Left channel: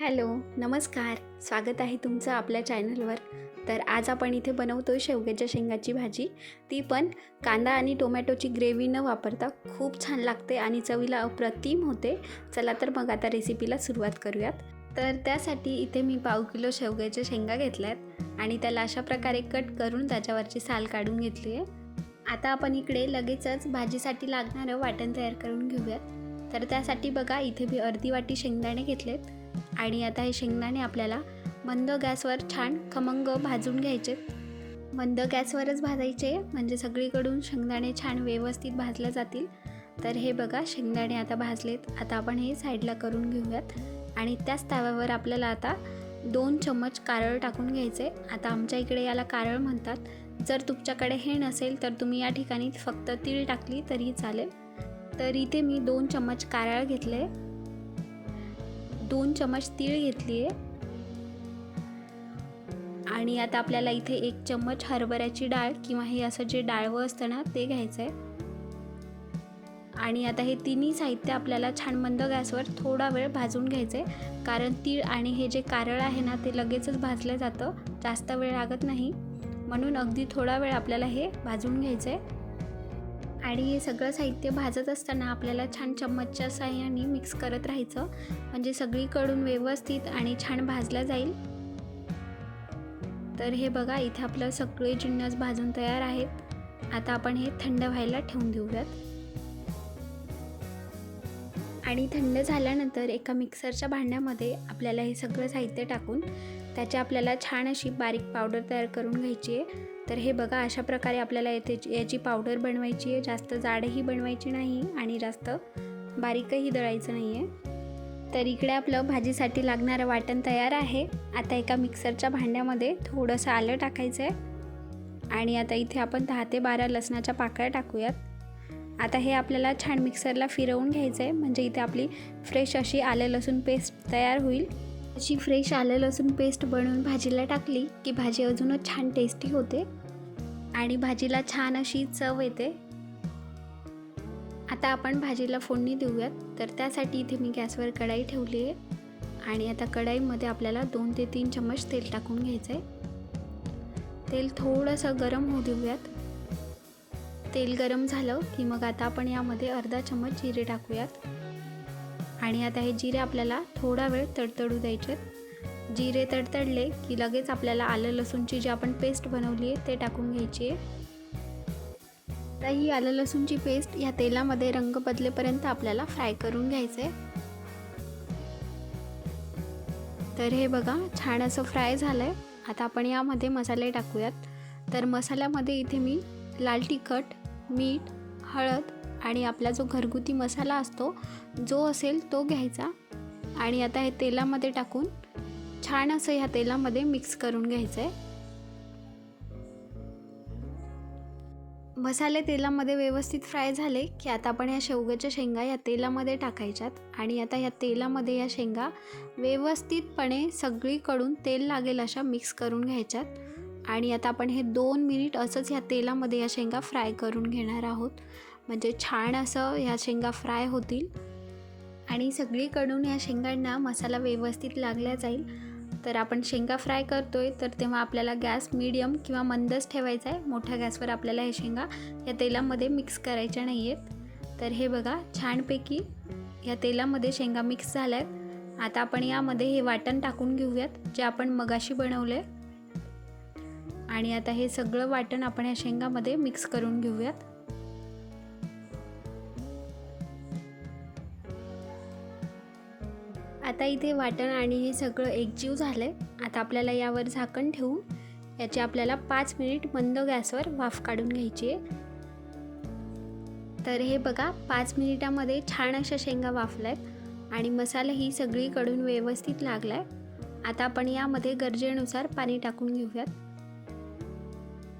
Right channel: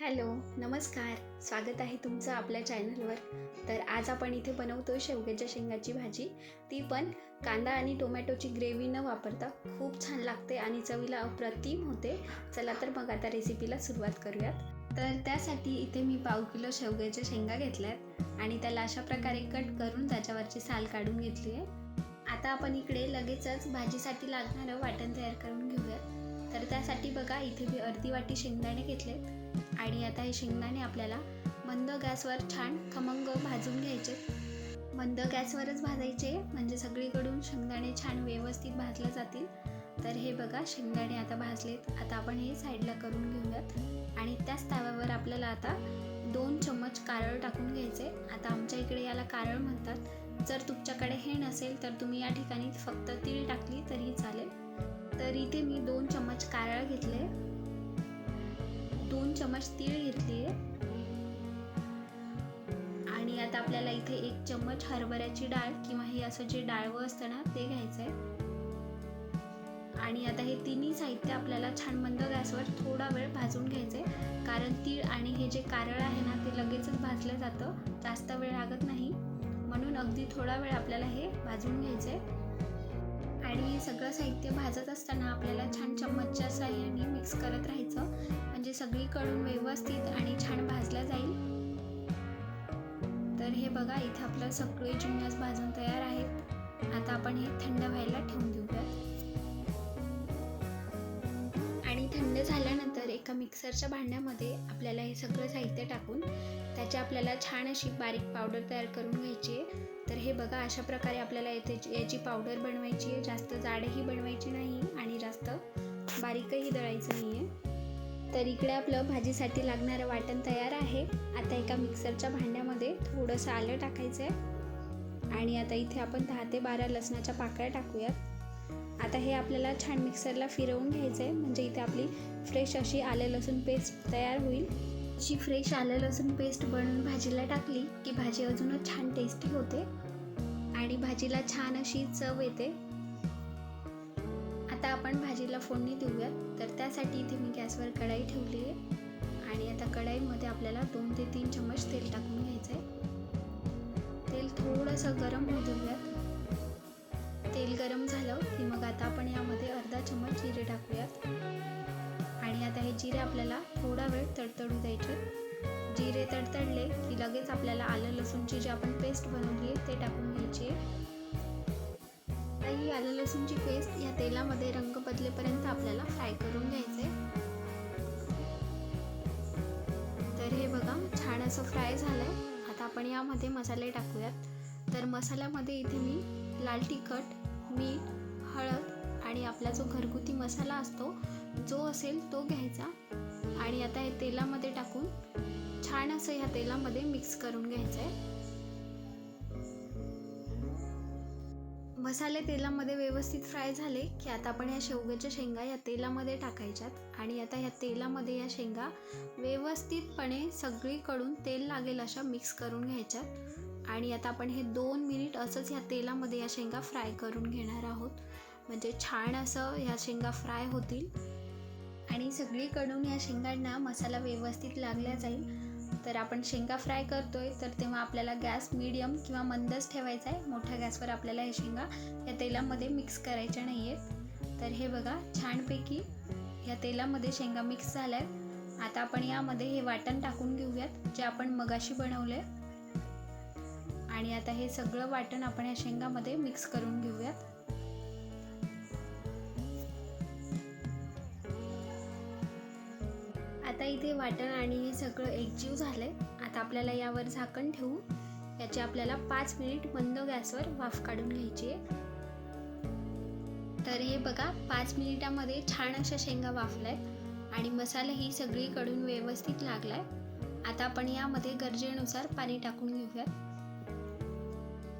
Hello नमस्कार. स्वागत आहे तुमचं आपल्या चॅनलवर. तर आज आपण इथे बनवतो आहे शेवग्याच्या शेंगाची भाजी. ती पण कांदा आणि टोमॅटोची ग्रेव्ही न वापरता खूप छान लागते आणि चवीला अप्रतिम होते. चला तर मग आता रेसिपीला सुरुवात करूयात. तर त्यासाठी इथे मी पाव किलो शेवग्याच्या शेंगा घेतल्यात आणि त्याला अशा प्रकारे कट करून त्याच्यावरची साल काढून घेतली आहे. आता आपण इकडे लगेचच भाजीसाठी लागणारं वाटण तयार करून घेऊयात. तर त्यासाठी बघा इथे मी अर्धी वाटी शेंगदाणे घेतलेत. आणि आता हे शेंगदाणे आपल्याला मंद गॅसवर छान खमंग भाजून घ्यायचे. मंद गॅसवरच भाजायचे म्हणजे सगळीकडून शेंगदाणे छान व्यवस्थित भाजले जातील. तर हे बघा शेंगदाणे आता भाजलेत. आता आपण हे साईडला करून घेऊयात. आणि त्याच तव्यावर आपल्याला आता दोन चम्मच कारळ टाकून घ्यायचे. आता आमच्या इकडे याला कारळ म्हणतात. जर तुमच्याकडे हे नसेल तर तुम्ही या ठिकाणी फक्त तीळ टाकली तरी चालेल. तर इथे मी दोन चम्मच कारळ घेतले दोन चम्मच तीळ घेतली आहे आणि आता आपल्याला इथे एक चम्मच हरभऱ्याची डाळ किंवा हे असं जे डाळवं असतं ना ते घ्यायचं आहे आणि आता हे तिन्ही साहित्य आपल्याला छान मंद गॅसवर थोडा वेळ भाजून घ्यायचं आहे कारण तीळ आणि हे जे कारळ आहे ना ते लगेचच भाजलं जातं. जास्त वेळ लागत नाही. म्हणून अगदी थोडा वेळ आपल्याला हे भाजून घ्यायचं आहे आणि हे सगळं साहित्य भाजत असताना आपल्याला छान चम्मचच्या साह्याने मिक्स करत राहायचं. म्हणजे सगळीकडून व्यवस्थित आणि छान भाजला जाईल. तर हे बघा इथे आपलं सगळे जिन्नस भाजून तयार आहेत. आता आपण हे थंड व्हायला ठेवून देऊयात. आणि थंड झाल्यानंतर एका मिक्सरच्या भांड्यामध्ये आपल्याला हे सगळं साहित्य टाकून त्याची आपल्याला छान अशी बारीक पावडर तयार करून घ्यायची आहे. तर हे बघा अशा प्रकारे आपल्याला येथे याची पावडर बनवायची आहे. जास्त जाडही बनवायची नाही आणि जास्त बारीकही दळायचं नाही आहे. तर इकडे आपलं भाजीसाठी लागणारं वाटण तयार आहे. आता एका मिक्सरच्या भांड्यामध्ये थोडंसं आलं टाकायचं आहे. आणि आता इथे आपण दहा ते बारा लसणाच्या पाकळ्या टाकूयात. आता हे आपल्याला छान मिक्सरला फिरवून घ्यायचं आहे. म्हणजे इथे आपली फ्रेश अशी आलं लसूण पेस्ट तयार होईल. अशी फ्रेश आलं लसूण पेस्ट बनवून भाजीला टाकली की भाजी अजूनच छान टेस्टी होते आणि भाजीला छान अशी चव येते. आता आपण भाजीला फोडणी देऊयात. तर त्यासाठी इथे मी गॅसवर कढाई ठेवली आहे आणि आता कढाईमध्ये आपल्याला दोन ते तीन चम्मच तेल टाकून घ्यायचं आहे तेल थोडंसं गरम होऊ देऊयात. तेल गरम झालं की मग आता आपण यामध्ये अर्धा चम्मच जिरे टाकूयात. आणि आहे हे जिरे आपल्याला थोडा वेळ तडतडू द्यायचे जिरे तडतडले की लगेच आपल्याला आलं लसूणची जी आपण पेस्ट बनवली आहे ते टाकून घ्यायची आहे. आता ही आलं लसूणची पेस्ट या तेलामध्ये रंग बदलेपर्यंत आपल्याला फ्राय करून घ्यायचे तर हे बघा छान असं फ्राय झालं आहे आता आपण यामध्ये मसाले टाकूयात. तर मसाल्यामध्ये इथे मी लाल तिखट मीठ हळद आणि आपला जो घरगुती मसाला असतो जो असेल तो घ्यायचा. आणि आता हे तेलामध्ये टाकून छान असं ह्या तेलामध्ये मिक्स करून घ्यायचं आहे मसाले तेलामध्ये व्यवस्थित फ्राय झाले की आता आपण या शेवग्याच्या शेंगा या तेलामध्ये टाकायच्यात. आणि आता या तेलामध्ये या शेंगा व्यवस्थितपणे सगळीकडून तेल लागेल अशा मिक्स करून घ्यायच्यात. आणि आता आपण हे दोन मिनिट असंच ह्या तेलामध्ये या शेंगा फ्राय करून घेणार आहोत. म्हणजे छान असं ह्या शेंगा फ्राय होतील. आणि सगळीकडून या शेंगांना मसाला व्यवस्थित लागला जाईल. तर आपण शेंगा फ्राय करतोय तर तेव्हा आपल्याला गॅस मीडियम किंवा मंदच ठेवायचा आहे. मोठ्या गॅसवर आपल्याला हे शेंगा या तेलामध्ये मिक्स करायच्या नाही आहेत तर हे बघा छानपैकी या तेलामध्ये शेंगा मिक्स झाल्या आहेत आता आपण यामध्ये हे वाटण टाकून घेऊयात जे आपण मगाशी बनवलं आहे आणि आता हे सगळं वाटण आपण या शेंगामध्ये मिक्स करून घेऊयात. आता इथे वाटण आणि हे सगळं एकजीव झालं आहे आता आपल्याला यावर झाकण ठेवून याची आपल्याला पाच मिनिट मंद गॅसवर वाफ काढून घ्यायची आहे. तर हे बघा पाच मिनिटामध्ये छान अशा शेंगा वाफल्या आहेत आणि मसालाही सगळीकडून व्यवस्थित लागला आहे आता आपण यामध्ये गरजेनुसार पाणी टाकून घेऊयात.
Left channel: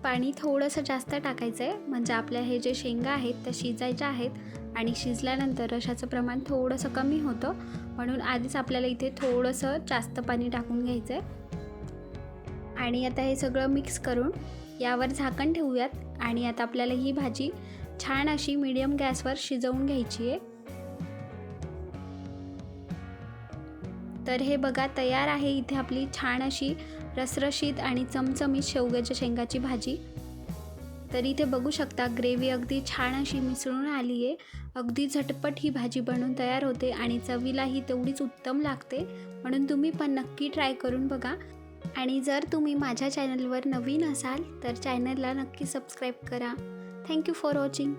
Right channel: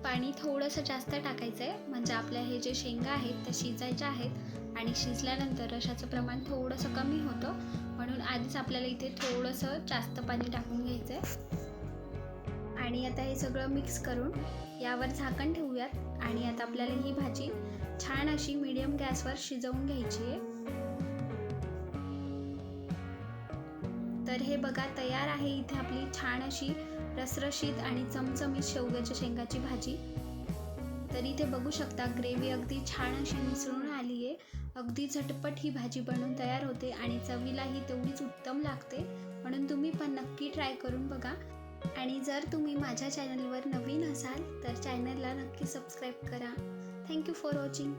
पाणी थोडंसं जास्त टाकायचं आहे. म्हणजे आपल्या हे जे शेंगा आहेत त्या शिजायच्या आहेत आणि शिजल्यानंतर रशाचं प्रमाण थोडंसं कमी होतं. म्हणून आधीच आपल्याला इथे थोडंसं जास्त पाणी टाकून घ्यायचं आहे. आणि आता हे सगळं मिक्स करून यावर झाकण ठेवूयात. आणि आता आपल्याला ही भाजी छान अशी मीडियम गॅसवर शिजवून घ्यायची आहे. तर हे बघा तयार आहे इथे आपली छान अशी रसरशीत आणि चमचमीत शेवग्याच्या शेंगाची भाजी. तर इथे बघू शकता ग्रेव्ही अगदी छान अशी मिसळून आली आहे अगदी झटपट ही भाजी बनवून तयार होते आणि चवीलाही तेवढीच उत्तम लागते. म्हणून तुम्ही पण नक्की ट्राय करून बघा. आणि जर तुम्ही माझ्या चॅनलवर नवीन असाल तर चॅनलला नक्की सबस्क्राईब करा. Thank you for watching.